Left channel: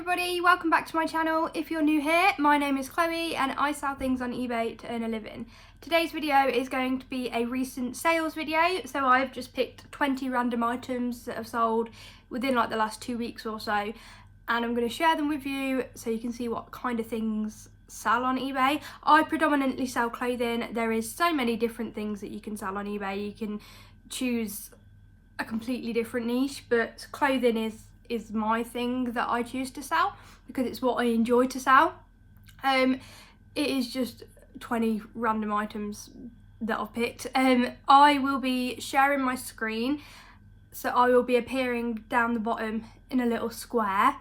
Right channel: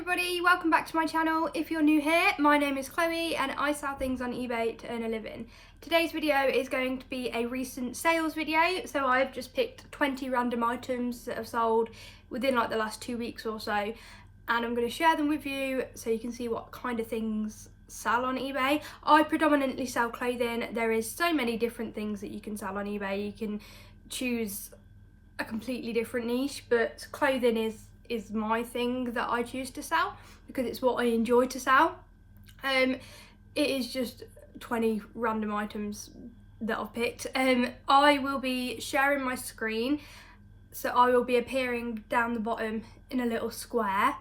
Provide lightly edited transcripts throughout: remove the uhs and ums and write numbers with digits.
everybody, welcome back to my channel. If you're new here, my name is Chloe and I sell things on eBay to earn a living. Today's video is going to be a recent sales video, so I've just picked 20 random items that have sold within like the last 2 weeks or so, and I'm going to share them with you so you can see what kind of things sell on eBay. I predominantly sell clothing. There is so many different things that you can sell on eBay. You can choose a completely different niche, but clothing is my thing that I choose to sell because it's what I enjoy to sell. It is just 20 random items that I've picked. I will be sharing my screen, so I will be appearing down the bottom in a little square,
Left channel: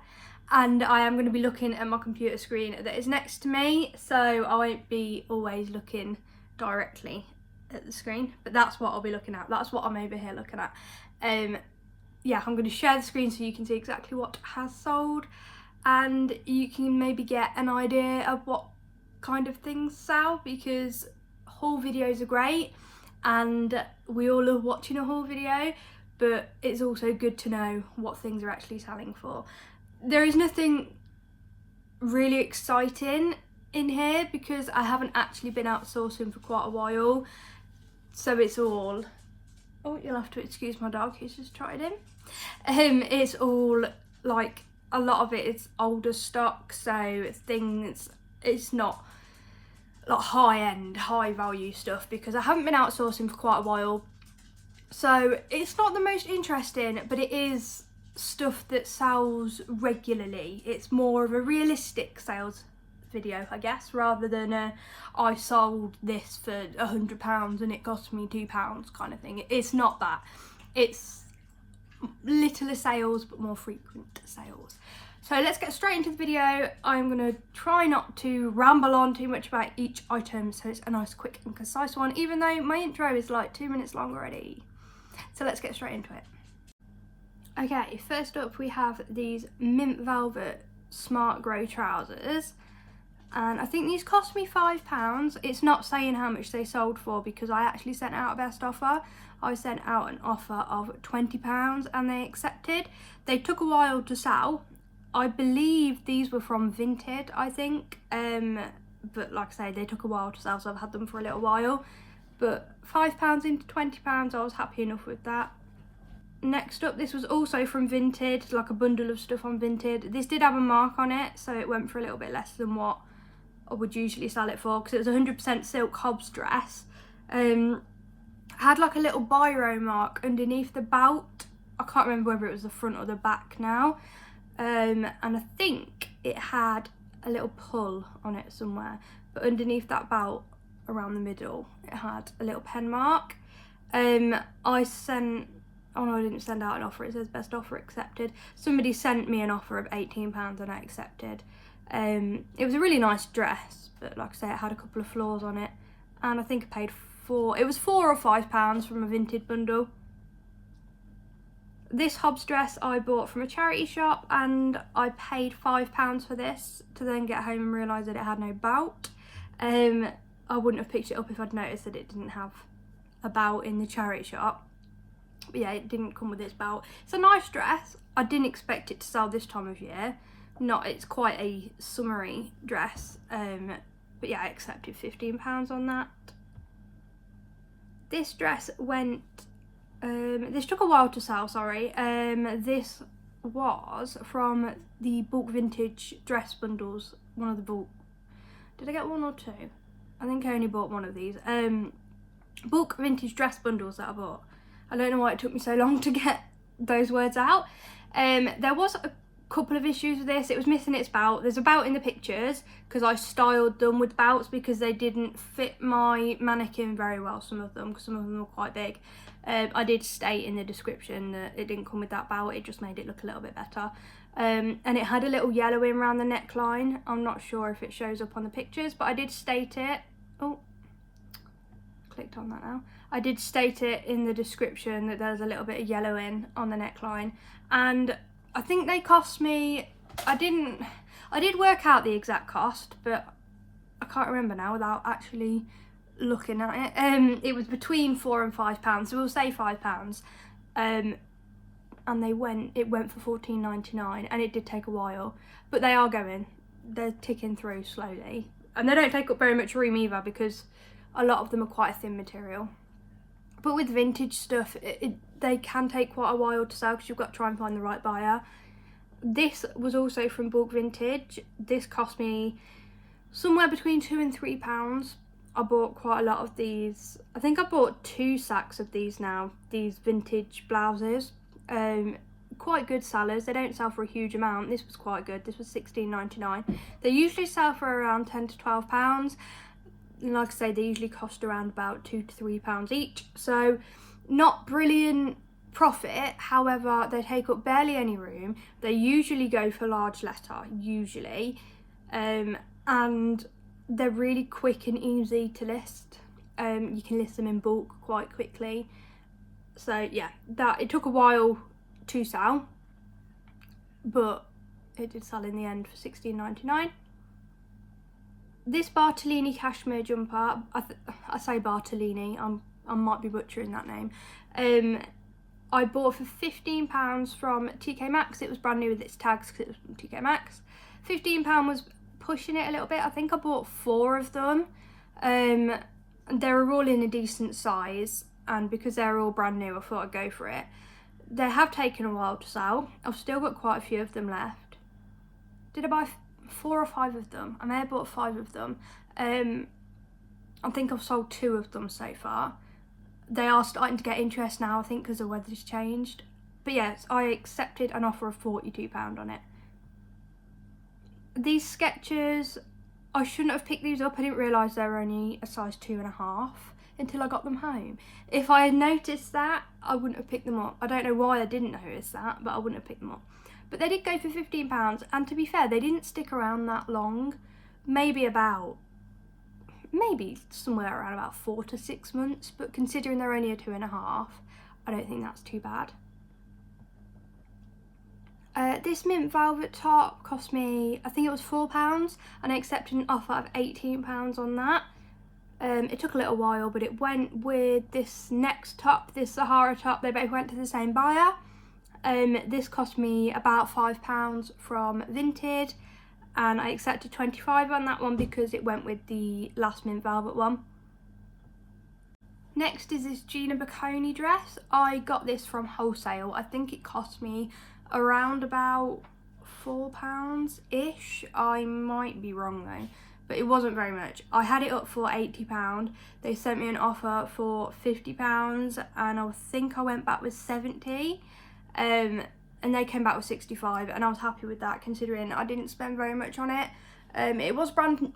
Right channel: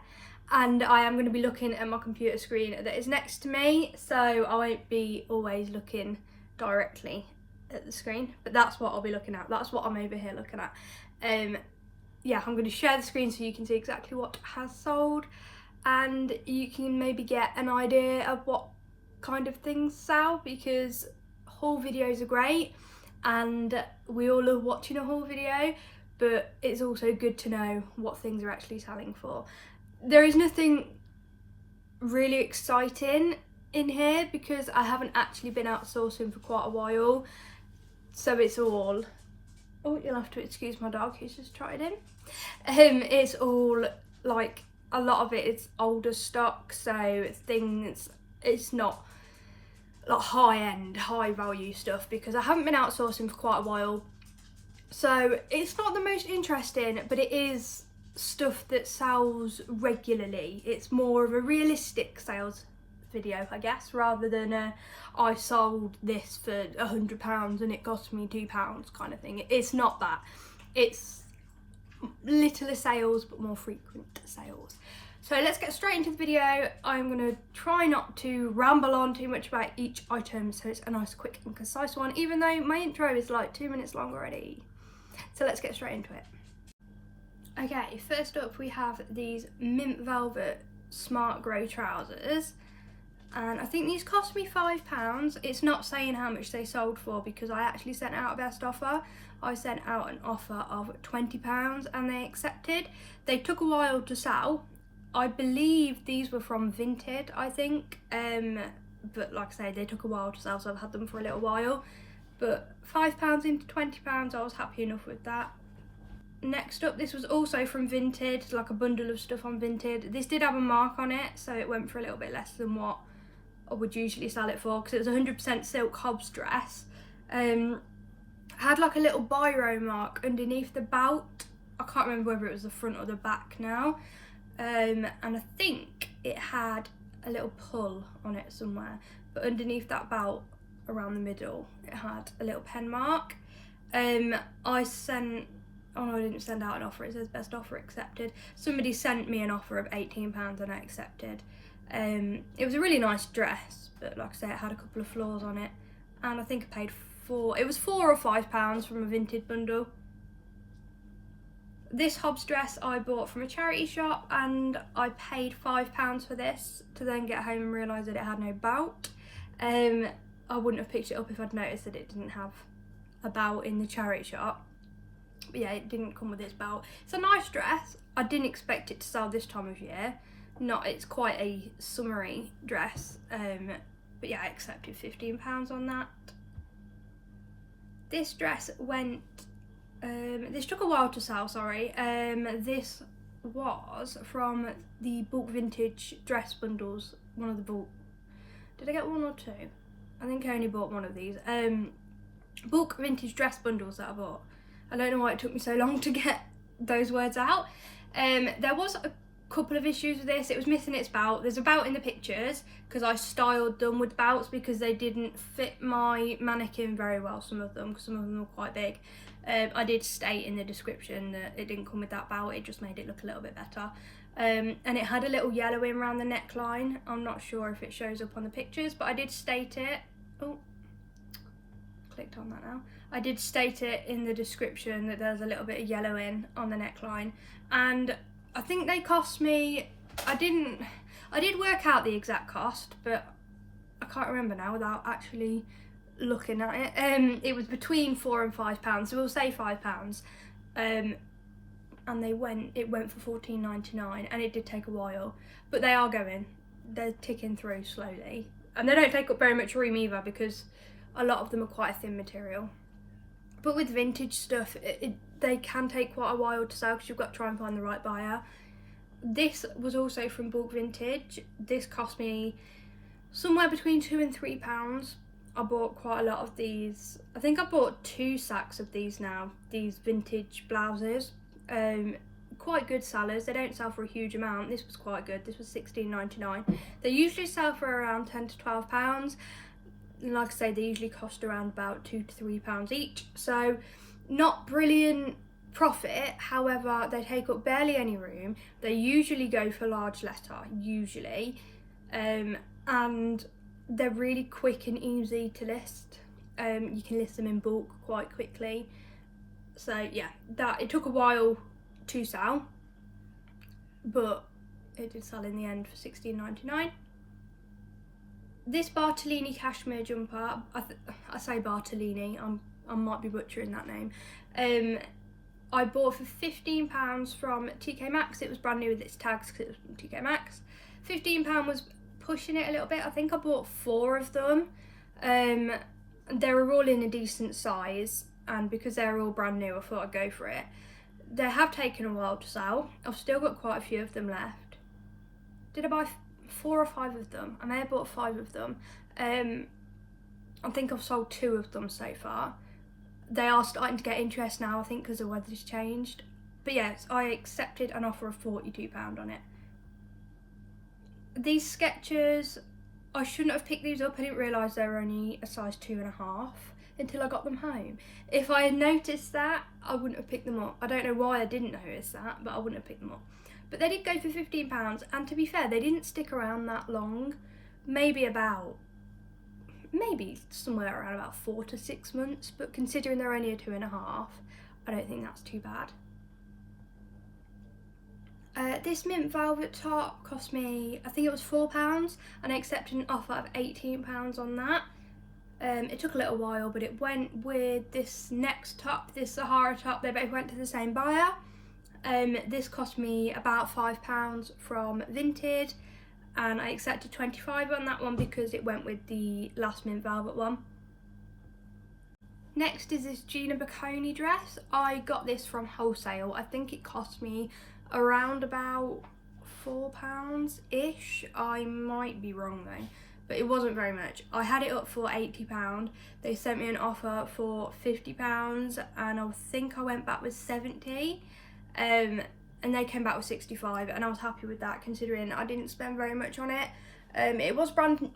and I am going to be looking at my computer screen that is next to me, so I won't be always looking directly at the screen, but that's what I'll be looking at. That's what I'm over here looking at. Yeah, I'm going to share the screen so you can see exactly what has sold, and you can maybe get an idea of what kind of things sell, because haul videos are great and we all love watching a haul video, but it's also good to know what things are actually selling for. There is nothing really exciting in here because I haven't actually been outsourcing for quite a while, so it's all... Oh, you'll have to excuse my dog, he's just tried in. It's all like, a lot of it is older stock, so it's not like high-end, high-value stuff because I haven't been outsourcing for quite a while. So it's not the most interesting, but it is stuff that sells regularly. It's more of a realistic sales video, I guess, rather than I sold this for £100 and it cost me £2 kind of thing. It's not that. It's littler sales but more frequent sales. So let's get straight into the video. I'm going to try not to ramble on too much about each item, so it's a nice, quick and concise one, even though my intro is like 2 minutes long already. So let's get straight into it. Okay, first up we have these mint velvet smart grey trousers, and I think these cost me £5. It's not saying how much they sold for because I actually sent out a best offer. I sent out an offer of £20 and they accepted. They took a while to sell. I believe these were from Vinted, I think, but like I say, they took a while to sell, so I've had them for a little while. But £5 into £20, I was happy enough with that. Next up, this was also from Vinted, like a bundle of stuff on Vinted. This did have a mark on it, so it went for a little bit less than what I would usually sell it for, because it was 100% silk Hobbs dress. Had like a little biro mark underneath the belt. I can't remember whether it was the front or the back now. And I think it had a little pull on it somewhere, but underneath that belt around the middle it had a little pen mark. I sent... Oh no, I didn't send out an offer, it says best offer accepted. Somebody sent me an offer of £18 and I accepted. It was a really nice dress, but like I say, it had a couple of flaws on it, and I think I paid it was £4 or £5 from a Vinted bundle. This Hobbs dress I bought from a charity shop, and I paid £5 for this to then get home and realise that it had no belt. I wouldn't have picked it up if I'd noticed that it didn't have a belt in the charity shop. But yeah, it didn't come with its belt. It's a nice dress. I didn't expect it to sell this time of year. It's quite a summery dress, but yeah, I accepted £15 on that. This dress went, this took a while to sell, sorry. This was from the bulk vintage dress bundles, one of the bulk. Did I get one or two? I think I only bought one of these. Bulk vintage dress bundles that I bought. I don't know why it took me so long to get those words out. There was a couple of issues with this. It was missing its belt. There's a belt in the pictures because I styled them with belts because they didn't fit my mannequin very well, some of them, because some of them were quite big. I did state in the description that it didn't come with that belt, it just made it look a little bit better. And it had a little yellowing around the neckline. I'm not sure if it shows up on the pictures, but I did state it. Oh, clicked on that now. I did state it in the description that there's a little bit of yellowing on the neckline, and I think they cost me, I did work out the exact cost, but I can't remember now without actually looking at it. It was between £4 and £5, so we'll say £5. And and it went for $14.99, and it did take a while, but they are going. They're ticking through slowly, and they don't take up very much room either because a lot of them are quite a thin material. But with vintage stuff, they can take quite a while to sell because you've got to try and find the right buyer. This was also from Bulk Vintage. This cost me somewhere between £2 and £3. I bought quite a lot of these. I think I bought 2 sacks of these now, these vintage blouses. Quite good sellers. They don't sell for a huge amount. This was quite good. This was £16.99. They usually sell for around £10 to £12. And like I say, they usually cost around about £2 to £3 each. So not brilliant profit. However, they take up barely any room. They usually go for large letter, usually. And they're really quick and easy to list. You can list them in bulk quite quickly. So yeah, it took a while to sell, but it did sell in the end for £16.99. This Bartolini Cashmere jumper, I say Bartolini, I might be butchering that name. I bought for £15 from TK Maxx. It was brand new with its tags because it was from TK Maxx. £15 was pushing it a little bit. I think I bought 4 of them. They were all in a decent size, and because they're all brand new, I thought I'd go for it. They have taken a while to sell. I've still got quite a few of them left. Did I buy 4 or 5 of them? I may have bought 5 of them. I think I've sold 2 of them so far. They are starting to get interest now, I think, because the weather's changed. But yes, I accepted an offer of £42 on it. These Skechers, I shouldn't have picked these up. I didn't realise they were only a size 2.5 until I got them home. If I had noticed that, I wouldn't have picked them up. I don't know why I didn't notice that, but I wouldn't have picked them up. But they did go for £15, and to be fair, they didn't stick around that long. Maybe somewhere around about 4 to 6 months, but considering they're only a 2.5, I don't think that's too bad. This mint velvet top cost me, I think it was £4, and I accepted an offer of £18 on that. It took a little while, but it went with this next top, this Sahara top. They both went to the same buyer. This cost me about £5 from Vinted, and I accepted 25 on that one because it went with the last mint velvet one. Next is this Gina Bocconi dress. I got this from wholesale. I think it cost me around about £4-ish. I might be wrong though, but it wasn't very much. I had it up for £80. They sent me an offer for £50, and I think I went back with 70. And they came back with 65, and I was happy with that considering I didn't spend very much on it. It was brand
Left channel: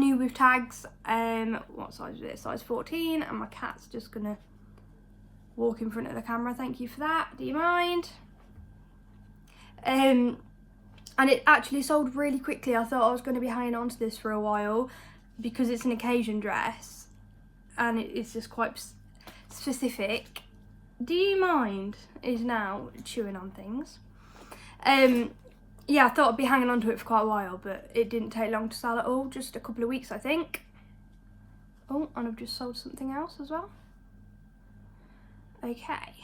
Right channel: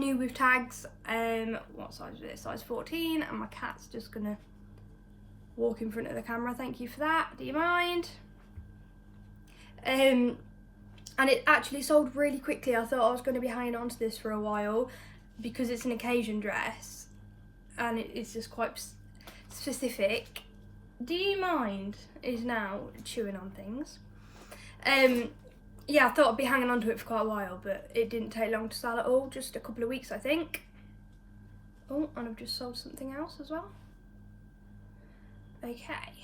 new with tags. What size is it? Size 14, and my cat's just gonna walk in front of the camera. Thank you for that. Do you mind? And it actually sold really quickly. I thought I was going to be hanging on to this for a while because it's an occasion dress and it's just quite specific. Do you mind? Is now chewing on things. Yeah, I thought I'd be hanging on to it for quite a while, but it didn't take long to sell at all, just a couple of weeks I think. Oh, and I've just sold something else as well. Okay.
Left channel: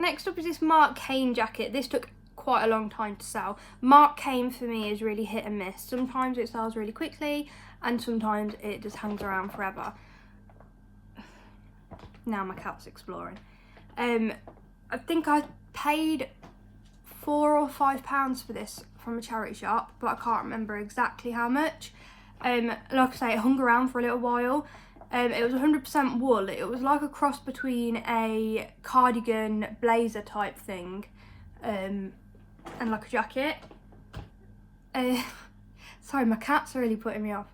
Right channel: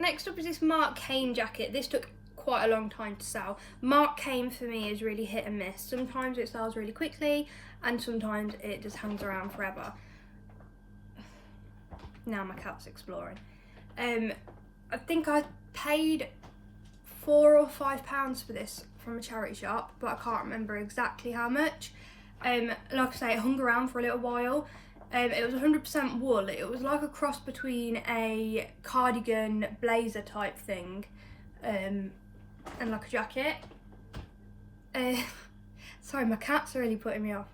Next up is this Mark Kane jacket. This took quite a long time to sell. Mark Kane for me is really hit and miss. Sometimes it sells really quickly and sometimes it just hangs around forever. Now my cat's exploring. I think I paid £4 or £5 for this from a charity shop, but I can't remember exactly how much. Like I say, it hung around for a little while. It was 100% wool. It was like a cross between a cardigan blazer type thing and like a jacket. Sorry, my cat's really putting me off.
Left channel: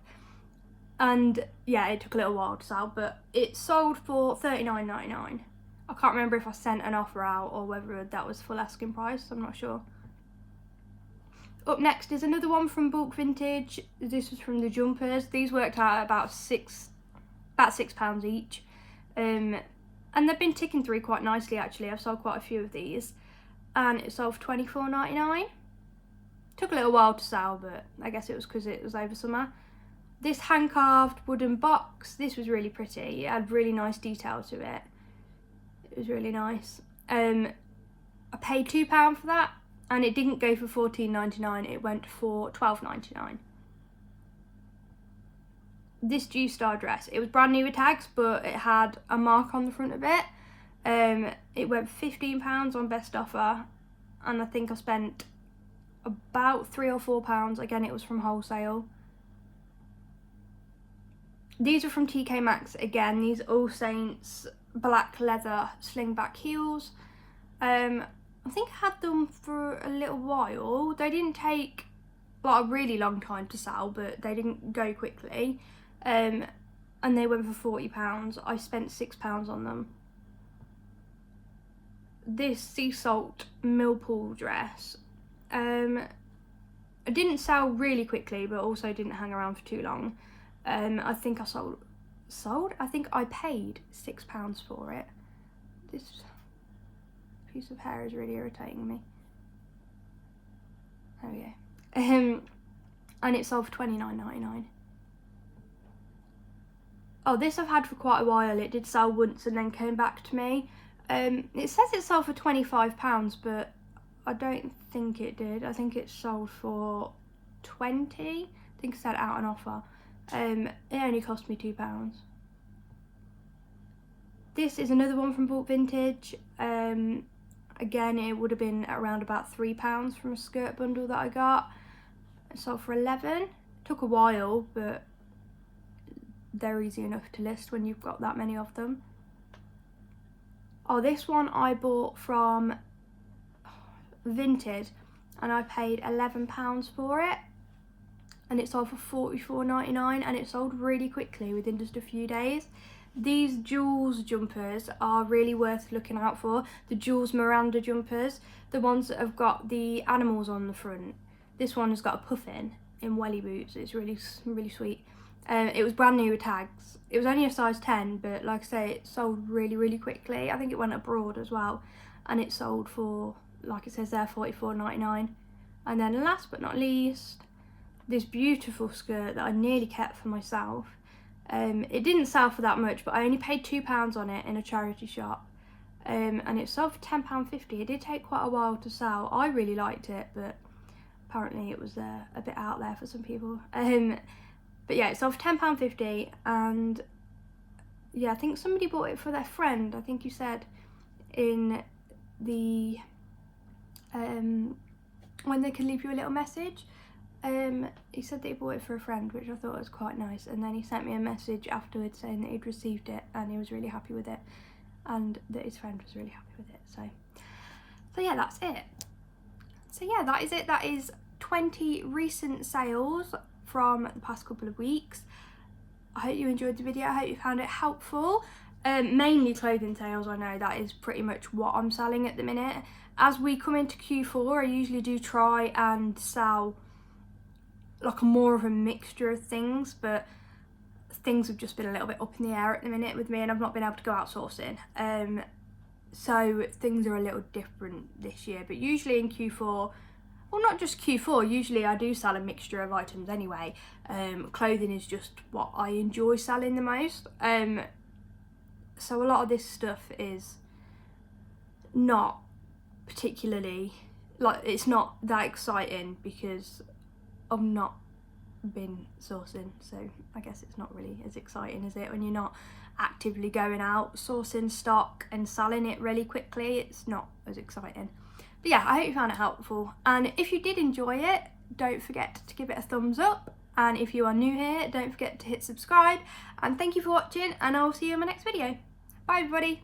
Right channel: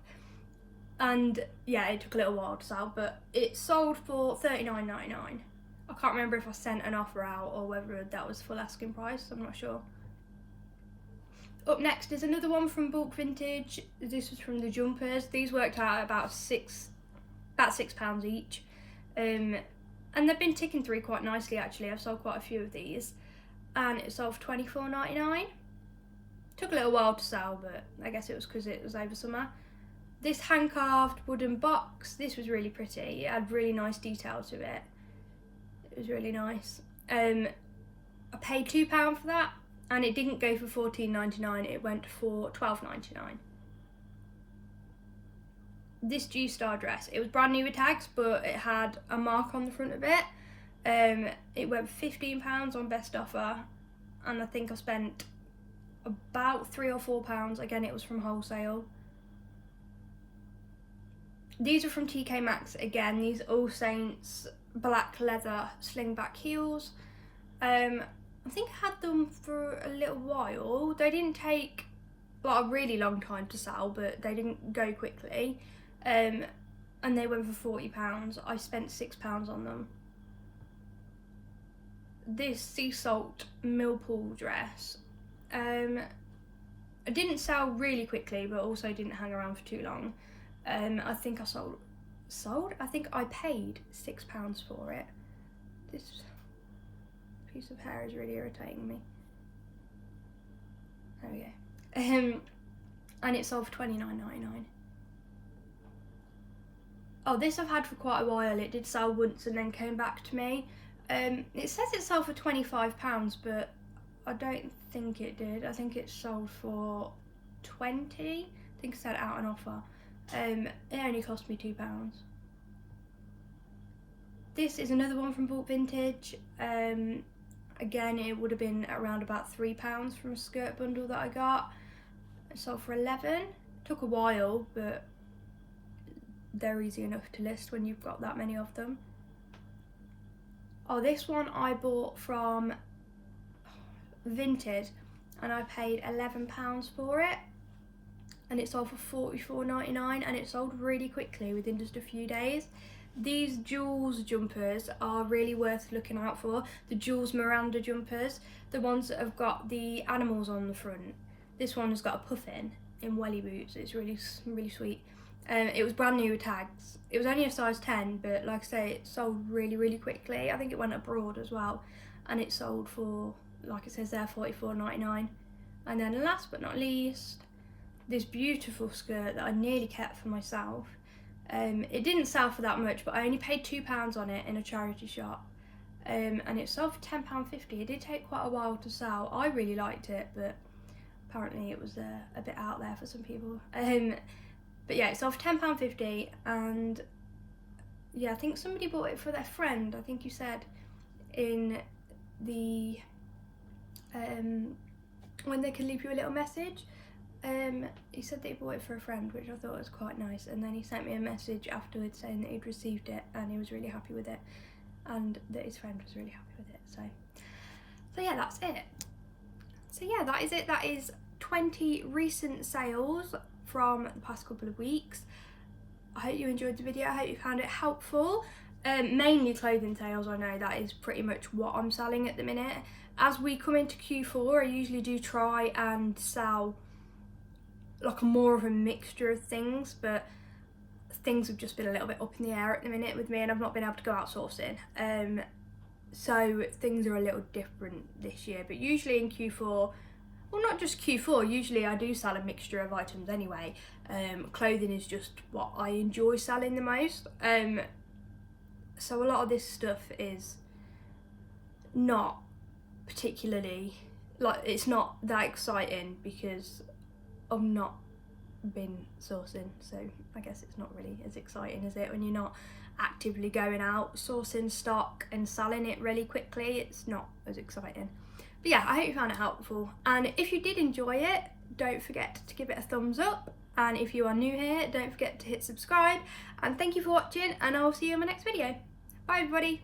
And yeah, it took a little while to sell, but it sold for $39.99. I can't remember if I sent an offer out or whether that was full asking price, I'm not sure. Up next is another one from Bulk Vintage. This was from the jumpers. These worked out at about £6 each. And they've been ticking through quite nicely actually. I've sold quite a few of these. And it sold for $24.99. Took a little while to sell, but I guess it was because it was over summer. This hand-carved wooden box, this was really pretty. It had really nice detail to it. It was really nice. I paid £2 for that, and it didn't go for £14.99, it went for £12.99. This G-Star dress, it was brand new with tags, but it had a mark on the front of it. It went for £15 on best offer, and I think I spent about £3 or £4. Again, it was from wholesale. These are from TK Maxx again. These All Saints black leather slingback heels. I think I had them for a little while. They didn't take like a really long time to sell, but they didn't go quickly. And they went for £40. I spent £6 on them. This sea salt Millpool dress, it didn't sell really quickly, but also didn't hang around for too long. I think I I think I paid £6 for it. This piece of hair is really irritating me. There we go. And it sold for £29.99. Oh, this I've had for quite a while. It did sell once and then came back to me. It says it sold for £25, but I don't think it did. I think it sold for £20. I think it's had out an offer. It only cost me £2. This is another one from Bought Vintage. Again, it would have been around about £3 from a skirt bundle that I got. It sold for £11. Took a while, but they're easy enough to list when you've got that many of them. Oh, this one I bought from Vinted, and I paid £11 for it, and it sold for £44.99, and it sold really quickly within just a few days. These Jules jumpers are really worth looking out for. The Jules Miranda jumpers, the ones that have got the animals on the front. This one has got a puffin in welly boots. It's really sweet. It was brand new with tags. It was only a size 10, but like I say, it sold really quickly. I think it went abroad as well, and it sold for, like it says there, £44.99. And then last but not least, this beautiful skirt that I nearly kept for myself. It didn't sell for that much, but I only paid £2 on it in a charity shop, and it sold for £10.50. It did take quite a while to sell. I really liked it, but apparently it was a bit out there for some people. But yeah, it sold for £10.50, and yeah, I think somebody bought it for their friend. I think you said in the when they could leave you a little message. He said that he bought it for a friend, which I thought was quite nice, and then he sent me a message afterwards saying that he'd received it and he was really happy with it, and that his friend was really happy with it. So yeah, that's it. So yeah, that is it. That is 20 recent sales from the past couple of weeks. I hope you enjoyed the video. I hope you found it helpful. Mainly clothing sales. I know that is pretty much what I'm selling at the minute. As we come into Q4, I usually do try and sell like more of a mixture of things, but things have just been a little bit up in the air at the minute with me, and I've not been able to go out sourcing. So things are a little different this year, but usually in Q4, well, not just Q4, usually I do sell a mixture of items anyway. Clothing is just what I enjoy selling the most. So a lot of this stuff is not particularly, like, it's not that exciting because I've not been sourcing, so I guess it's not really as exciting, is it, when you're not actively going out sourcing stock and selling it really quickly? It's not as exciting. But yeah, I hope you found it helpful, and if you did enjoy it, don't forget to give it a thumbs up, and if you are new here, don't forget to hit subscribe, and thank you for watching, and I'll see you in my next video. Bye everybody.